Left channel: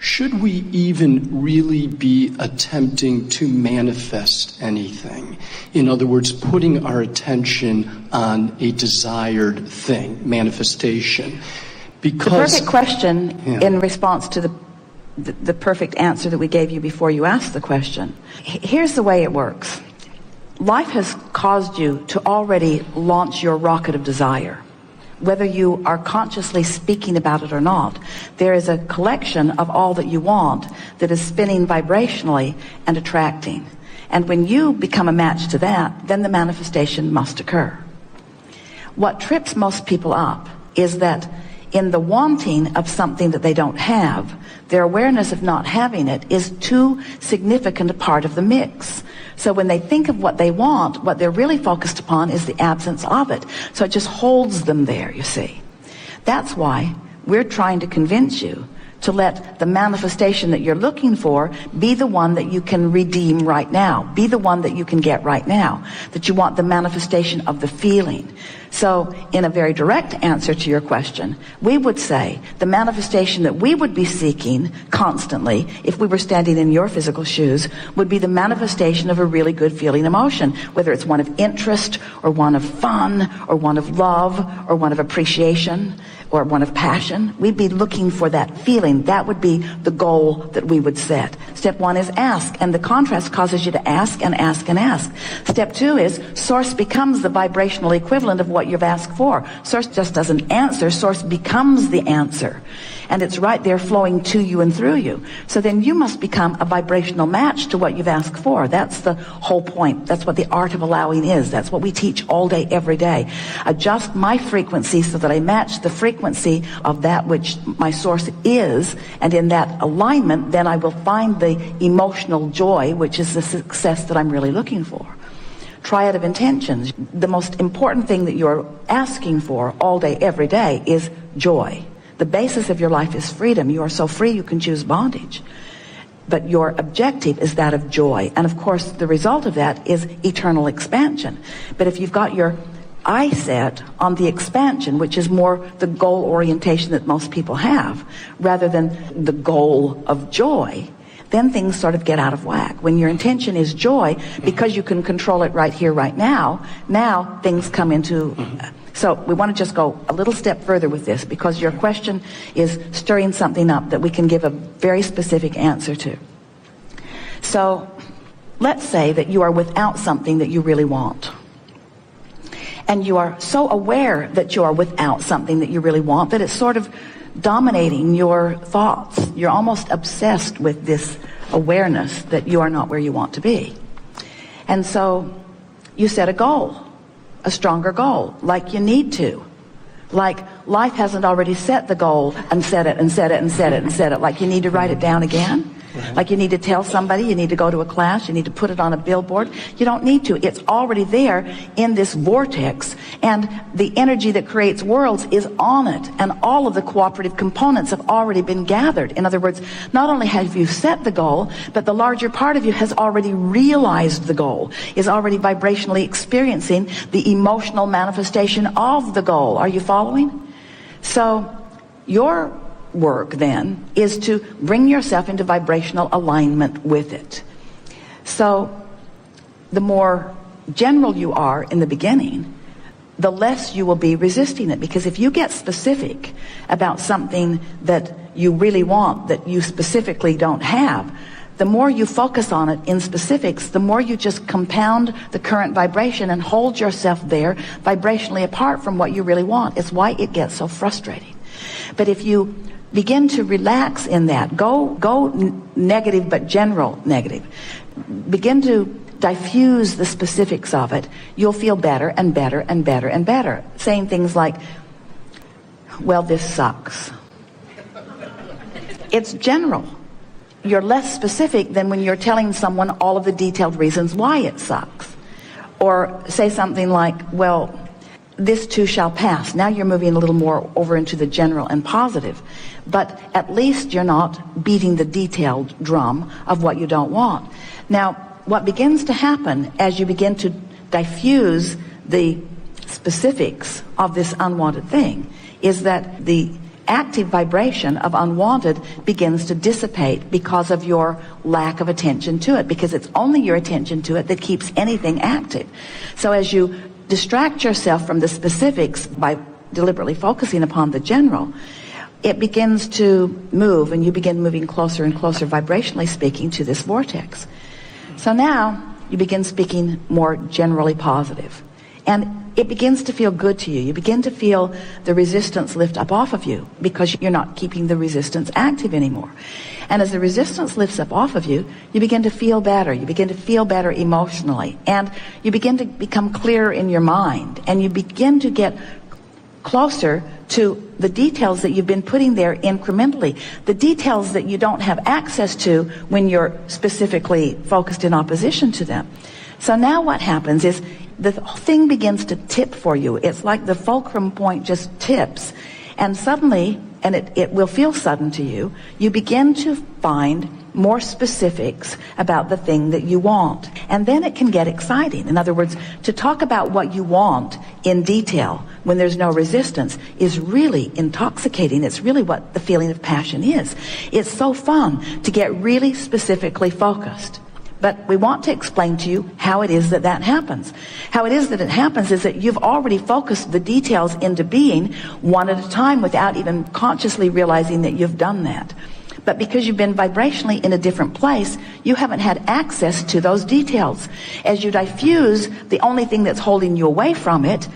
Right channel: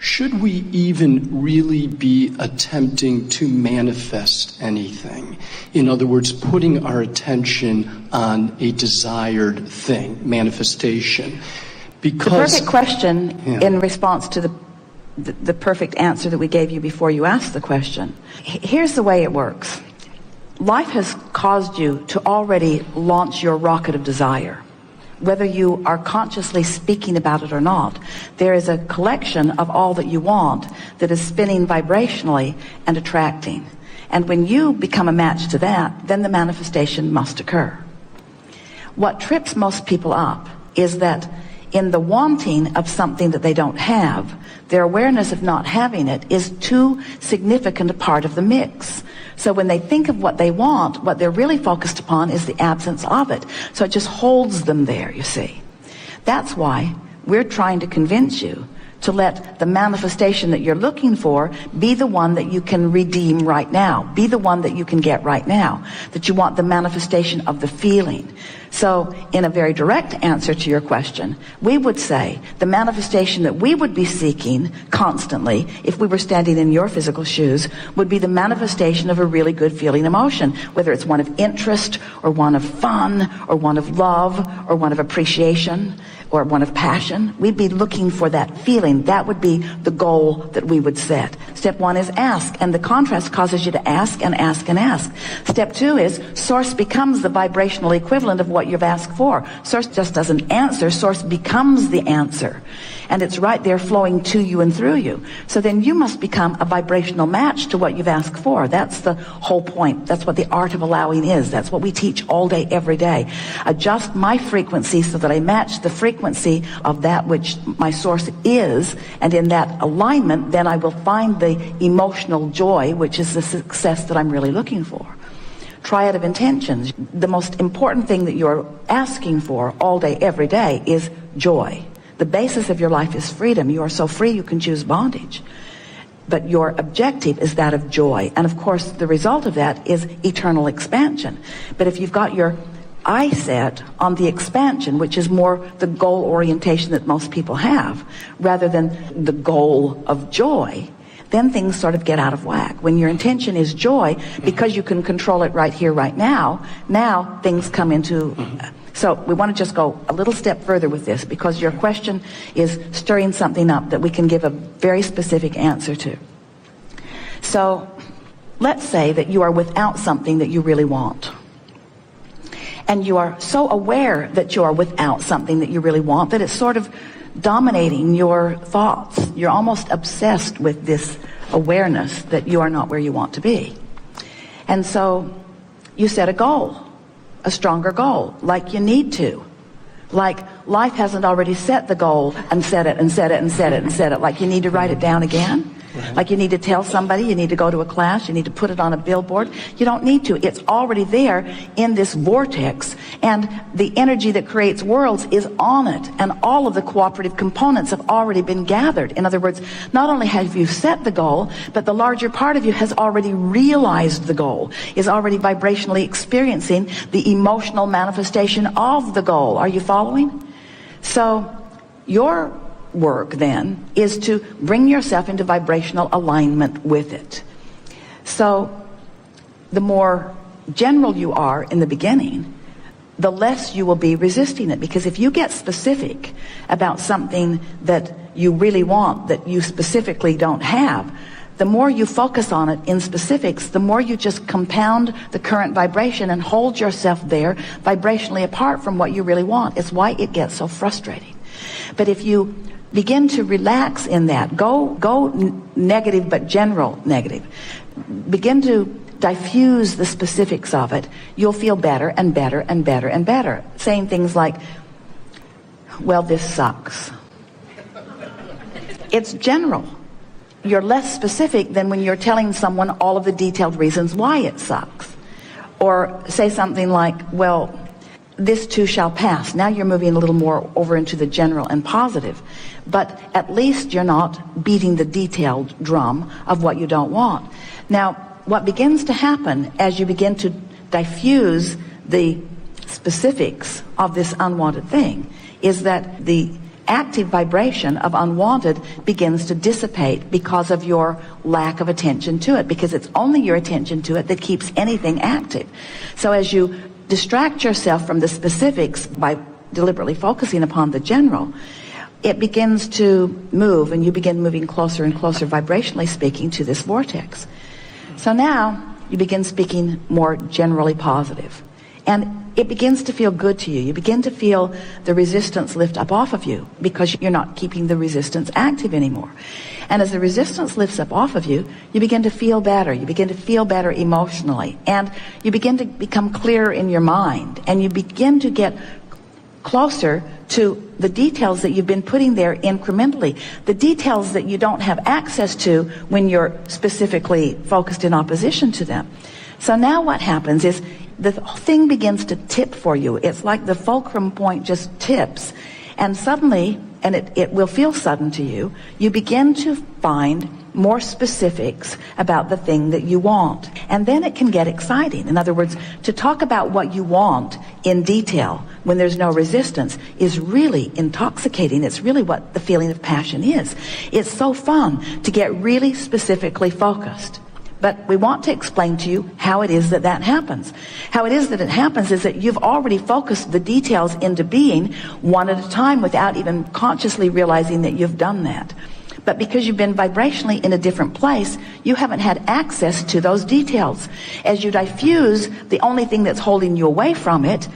should we even really be attempting to manifest anything? In other words, putting our attention on a desired thing, manifestation. Because the perfect question in response to the perfect answer that we gave you before you asked the question. Here's the way it works. Life has caused you to already launch your rocket of desire. Whether you are consciously speaking about it or not, there is a collection of all that you want that is spinning vibrationally and attracting. And when you become a match to that, then the manifestation must occur. What trips most people up is that in the wanting of something that they don't have, their awareness of not having it is too significant a part of the mix. So when they think of what they want, what they're really focused upon is the absence of it. So it just holds them there, you see. That's why we're trying to convince you to let the manifestation that you're looking for be the one that you can redeem right now, be the one that you can get right now, that you want the manifestation of the feeling. So, in a very direct answer to your question, we would say the manifestation that we would be seeking constantly, if we were standing in your physical shoes, would be the manifestation of a really good feeling emotion, whether it's one of interest, or one of fun, or one of love, or one of appreciation, or one of passion. We'd be looking for that feeling. That would be the goal that we would set. Step one is ask, and the contrast causes you to ask and ask and ask. Step two is source becomes the vibrational equivalent of what you've asked for. Source just doesn't answer, source becomes the answer. And it's right there flowing to you and through you. So then you must become a vibrational match to what you've asked for. That's the whole point. That's what the art of allowing is. That's what we teach all day, every day. Adjust my frequency so that I match the frequency of that which my source is. And in that alignment, then I will find the emotional joy, which is the success that I'm really looking for. Triad of intentions. The most important thing that you're asking for all day, every day is joy. The basis of your life is freedom. You are so free you can choose bondage. But your objective is that of joy. And of course, the result of that is eternal expansion. But if you've got your eye set on the expansion, which is more the goal orientation that most people have, rather than the goal of joy, then things sort of get out of whack. When your intention is joy, because you can control it right here, right now things come into... So we want to just go a little step further with this, because your question is stirring something up that we can give a very specific answer to. So let's say that you are without something that you really want. And you are so aware that you are without something that you really want that it's sort of dominating your thoughts. You're almost obsessed with this awareness that you are not where you want to be. And so you set a goal. A stronger goal, like you need to. Like life hasn't already set the goal and set it and set it and set it and set it. Like you need to write it down again. Like you need to tell somebody, you need to go to a class, you need to put it on a billboard. You don't need to. It's already there in this vortex, and the energy that creates worlds is on it, and all of the cooperative components have already been gathered. In other words, not only have you set the goal, but the larger part of you has already realized the goal, is already vibrationally experiencing the emotional manifestation of the goal. Are you following? So your work then is to bring yourself into vibrational alignment with it. So the more general you are in the beginning, the less you will be resisting it. Because if you get specific about something that you really want, that you specifically don't have, the more you focus on it in specifics, the more you just compound the current vibration and hold yourself there vibrationally apart from what you really want. It's why it gets so frustrating. But if you begin to relax in that, go negative but general negative, begin to diffuse the specifics of it, you'll feel better and better and better and better. Saying things like, well, this sucks. It's general. You're less specific than when you're telling someone all of the detailed reasons why it sucks. Or say something like, well, this too shall pass. Now you're moving a little more over into the general and positive. But at least you're not beating the detailed drum of what you don't want. Now, what begins to happen as you begin to diffuse the specifics of this unwanted thing is that the active vibration of unwanted begins to dissipate because of your lack of attention to it, because it's only your attention to it that keeps anything active. So as you distract yourself from the specifics by deliberately focusing upon the general, it begins to move, and you begin moving closer and closer, vibrationally speaking, to this vortex. So now you begin speaking more generally positive. And it begins to feel good to you. You begin to feel the resistance lift up off of you because you're not keeping the resistance active anymore. And as the resistance lifts up off of you, you begin to feel better. You begin to feel better emotionally. And you begin to become clearer in your mind. And you begin to get closer to the details that you've been putting there incrementally. The details that you don't have access to when you're specifically focused in opposition to them. So now what happens is the thing begins to tip for you. It's like the fulcrum point just tips. And suddenly, and it will feel sudden to you, you begin to find more specifics about the thing that you want. And then it can get exciting. In other words, to talk about what you want in detail when there's no resistance is really intoxicating. It's really what the feeling of passion is. It's so fun to get really specifically focused. But we want to explain to you how it is that that happens. How it is that it happens is that you've already focused the details into being one at a time without even consciously realizing that you've done that. But because you've been vibrationally in a different place, you haven't had access to those details. As you diffuse the only thing that's holding you away from it,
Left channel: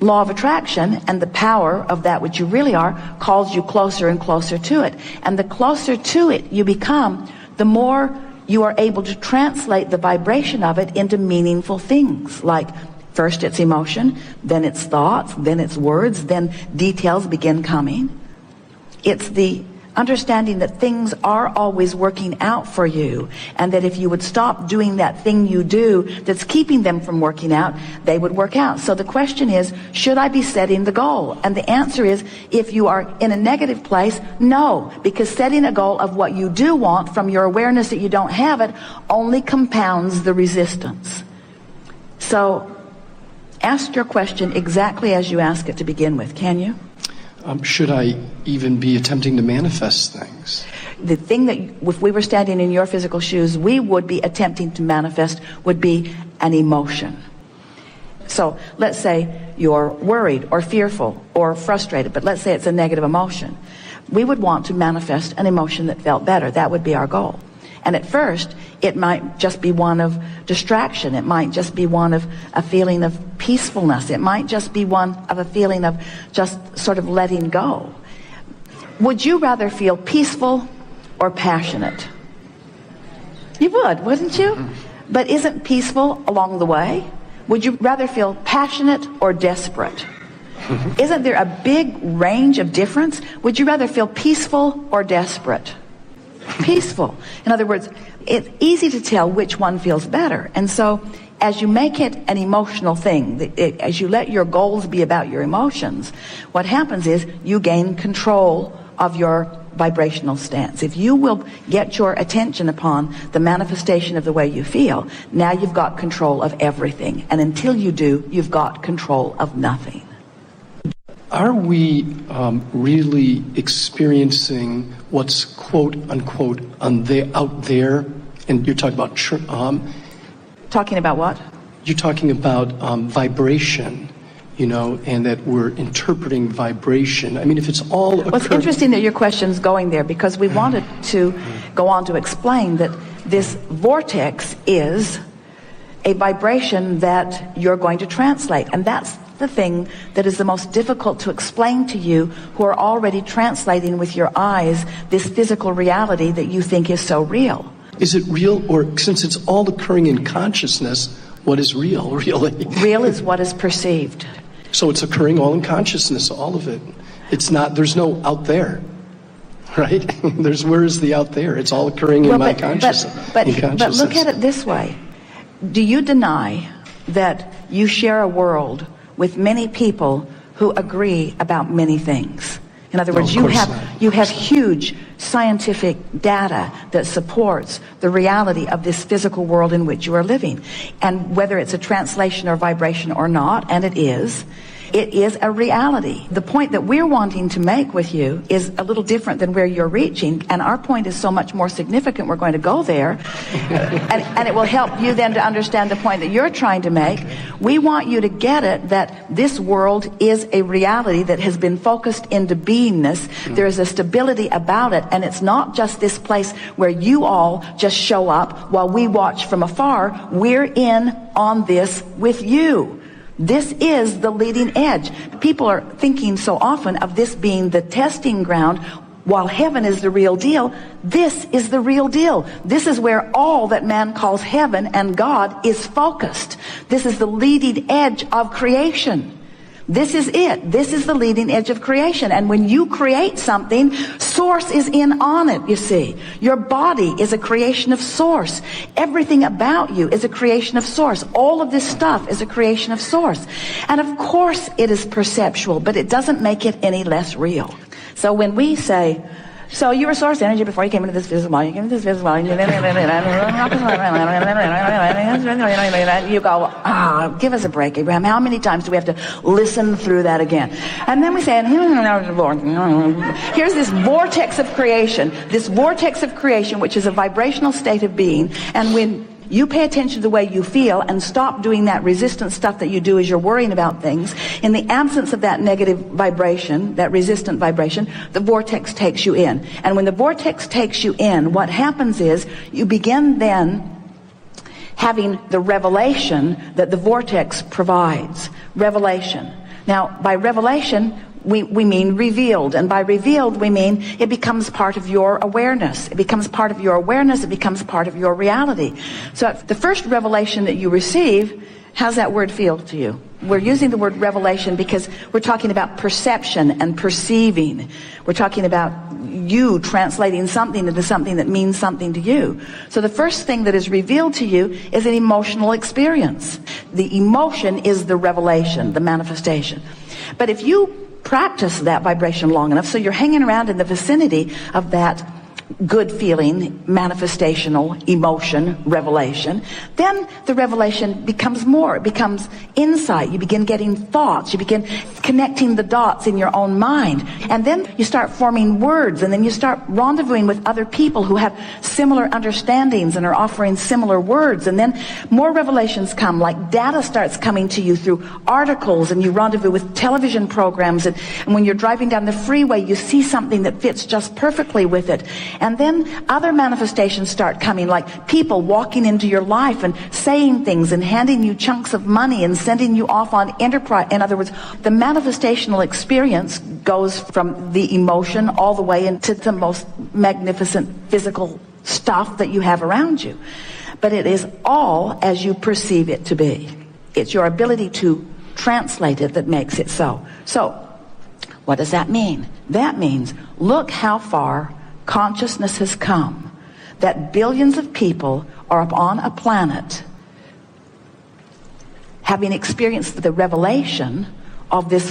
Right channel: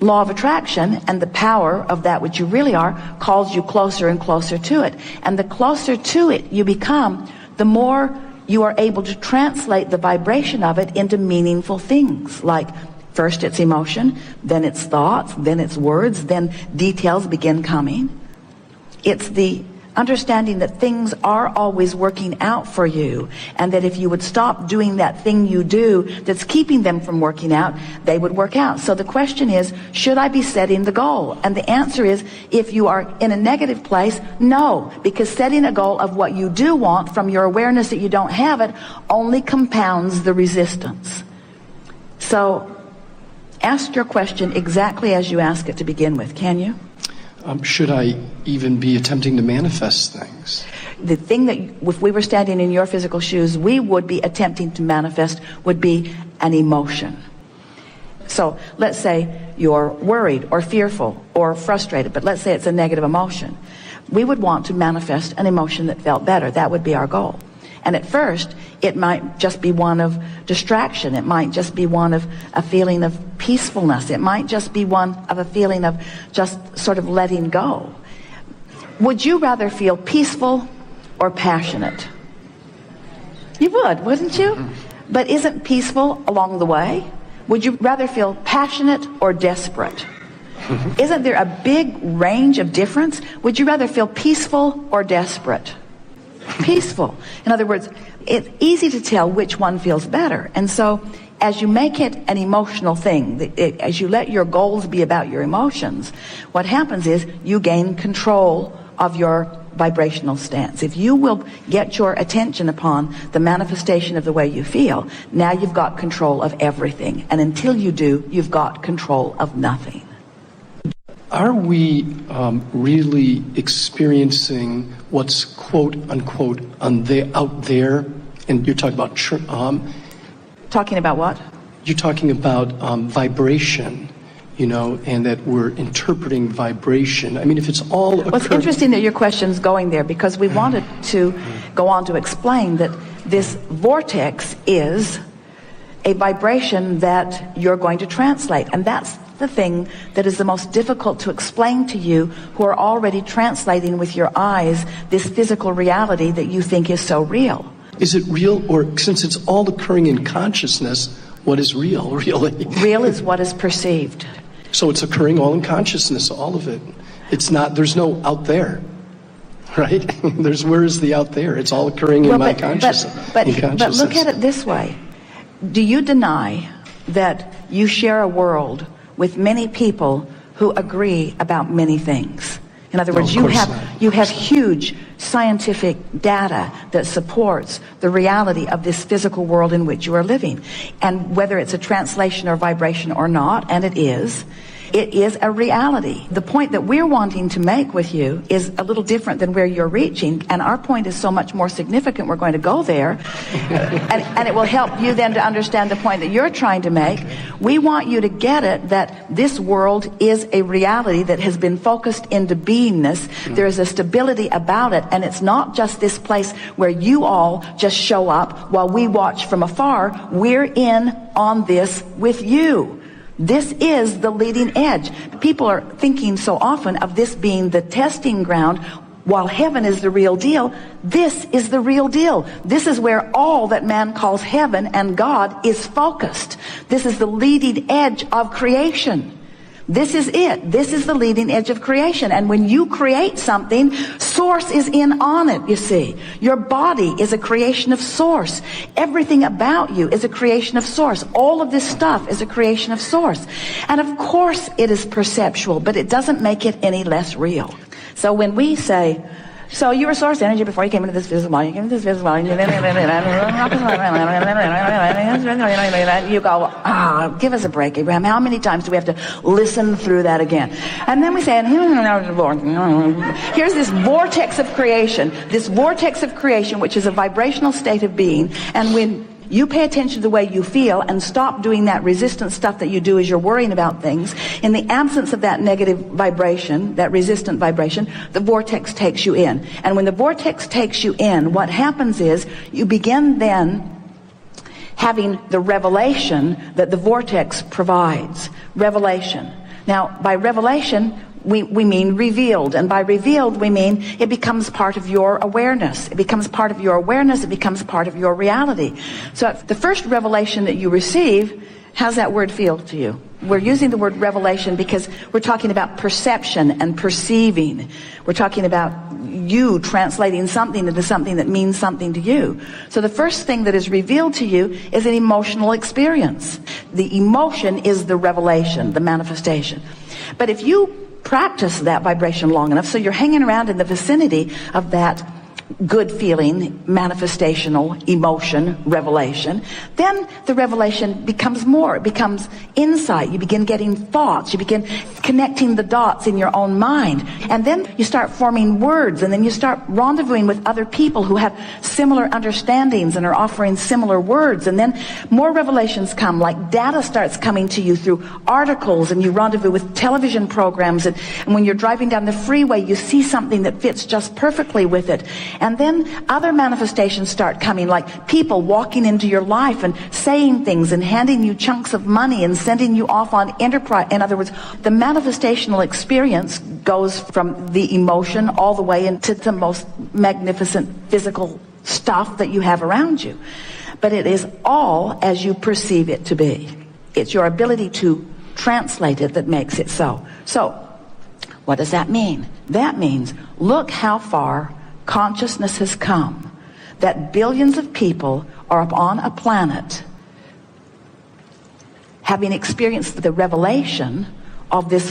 law of attraction and the power of that which you really are calls you closer and closer to it. And the closer to it you become, the more you are able to translate the vibration of it into meaningful things. Like first it's emotion, then it's thoughts, then it's words, then details begin coming. It's the understanding that things are always working out for you, and that if you would stop doing that thing you do that's keeping them from working out, they would work out. So the question is, should I be setting the goal? And the answer is, if you are in a negative place, no, because setting a goal of what you do want from your awareness that you don't have it only compounds the resistance. So ask your question exactly as you ask it to begin with, can you? Should I even be attempting to manifest things? The thing that, if we were standing in your physical shoes, we would be attempting to manifest would be an emotion. So let's say you're worried or fearful or frustrated, but let's say it's a negative emotion. We would want to manifest an emotion that felt better. That would be our goal. And at first, it might just be one of distraction. It might just be one of a feeling of peacefulness. It might just be one of a feeling of just sort of letting go. Would you rather feel peaceful or passionate? You would, wouldn't you? But isn't peaceful along the way? Would you rather feel passionate or desperate? Isn't there a big range of difference? Would you rather feel peaceful or desperate? Peaceful. In other words, it's easy to tell which one feels better. And so as you make it an emotional thing, as you let your goals be about your emotions, what happens is you gain control of your vibrational stance. If you will get your attention upon the manifestation of the way you feel, now you've got control of everything. And until you do, you've got control of nothing. Are we really experiencing what's quote unquote out there? And you're talking about talking about what? You're talking about vibration, and that we're interpreting vibration. I mean, if it's all well, it's interesting that your question's going there, because we wanted to go on to explain that this vortex is a vibration that you're going to translate, and that's the thing that is the most difficult to explain to you who are already translating with your eyes this physical reality that you think is so real. Is it real, or since it's all occurring in consciousness, what is real, really? Real is what is perceived. So it's occurring all in consciousness, all of it. It's not, there's no out there, right? Where is the out there? It's all occurring in my consciousness. But look at it this way. Do you deny that you share a world with many people who agree about many things? In other words, you have huge scientific data that supports the reality of this physical world in which you are living. And whether it's a translation or vibration or not, and it is, It is a reality. The point that we're wanting to make with you is a little different than where you're reaching, and our point is so much more significant. We're going to go there. and it will help you then to understand the point that you're trying to make. We want you to get it that this world is a reality that has been focused into beingness. There is a stability about it, and it's not just this place where you all just show up while we watch from afar. We're in on this with you. This is the leading edge. People are thinking so often of this being the testing ground, while heaven is the real deal. This is the real deal. This is where all that man calls heaven and God is focused. This is the leading edge of creation. This is it. This is the leading edge of creation. And when you create something, source is in on it, you see. Your body is a creation of source. Everything about you is a creation of source. All of this stuff is a creation of source. And of course it is perceptual, but it doesn't make it any less real. So when we say, so you were source energy before you came into this physical body, you go, give us a break, Abraham. How many times do we have to listen through that again? And then we say, here's this vortex of creation, which is a vibrational state of being. And when you pay attention to the way you feel and stop doing that resistant stuff that you do as you're worrying about things, in the absence of that negative vibration, that resistant vibration, the vortex takes you in. And when the vortex takes you in, what happens is you begin then having the revelation that the vortex provides. Revelation. Now, by revelation, we mean revealed. And by revealed, we mean it becomes part of your awareness. It becomes part of your awareness. It becomes part of your reality. So the first revelation that you receive, how's that word feel to you? We're using the word revelation because we're talking about perception and perceiving. We're talking about you translating something into something that means something to you. So the first thing that is revealed to you is an emotional experience. The emotion is the revelation, the manifestation. But if you practice that vibration long enough, so you're hanging around in the vicinity of that good feeling, manifestational emotion, revelation, then the revelation becomes more. It becomes insight. You begin getting thoughts. You begin connecting the dots in your own mind. And then you start forming words, and then you start rendezvousing with other people who have similar understandings and are offering similar words. And then more revelations come, like data starts coming to you through articles, and you rendezvous with television programs. And when you're driving down the freeway, you see something that fits just perfectly with it. And then other manifestations start coming, like people walking into your life and saying things and handing you chunks of money and sending you off on enterprise. In other words, the manifestational experience goes from the emotion all the way into the most magnificent physical stuff that you have around you. But it is all as you perceive it to be. It's your ability to translate it that makes it so. So, what does that mean? That means, look how far consciousness has come, that billions of people on the planet, having experienced the revelation of this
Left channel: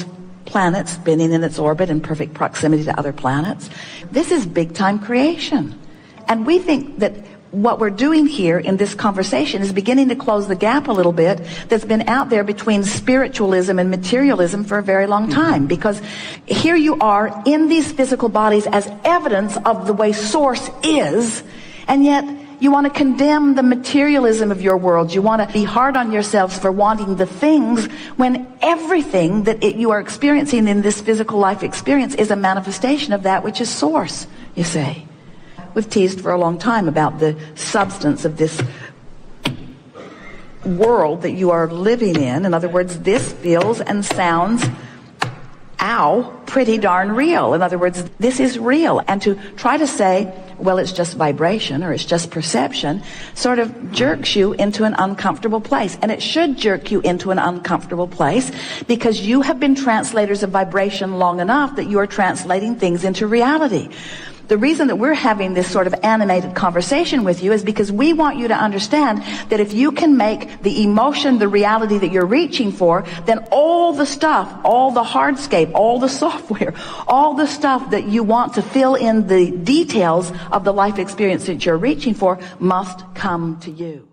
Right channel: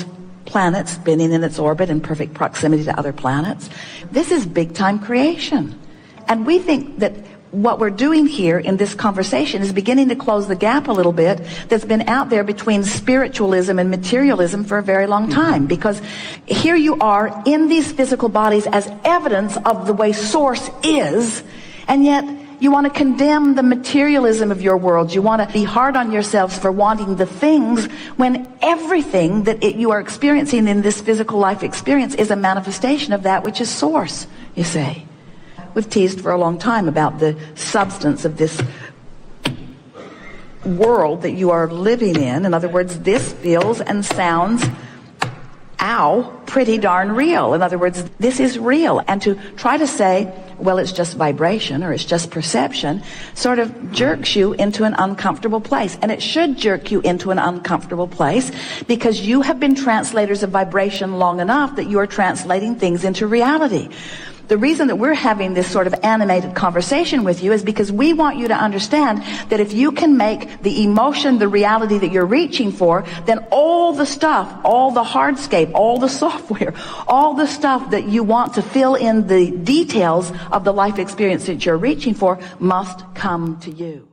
planet spinning in its orbit in perfect proximity to other planets. This is big time creation. And we think that what we're doing here in this conversation is beginning to close the gap a little bit that's been out there between spiritualism and materialism for a very long time. Because here you are in these physical bodies as evidence of the way source is, and yet you want to condemn the materialism of your world. You want to be hard on yourselves for wanting the things, when everything that you are experiencing in this physical life experience is a manifestation of that which is source, you see. We've teased for a long time about the substance of this world that you are living in. In other words, this feels and sounds, pretty darn real. In other words, this is real. And to try to say, well, it's just vibration or it's just perception, sort of jerks you into an uncomfortable place. And it should jerk you into an uncomfortable place because you have been translators of vibration long enough that you are translating things into reality. The reason that we're having this sort of animated conversation with you is because we want you to understand that if you can make the emotion the reality that you're reaching for, then all the stuff, all the hardscape, all the software, all the stuff that you want to fill in the details of the life experience that you're reaching for must come to you.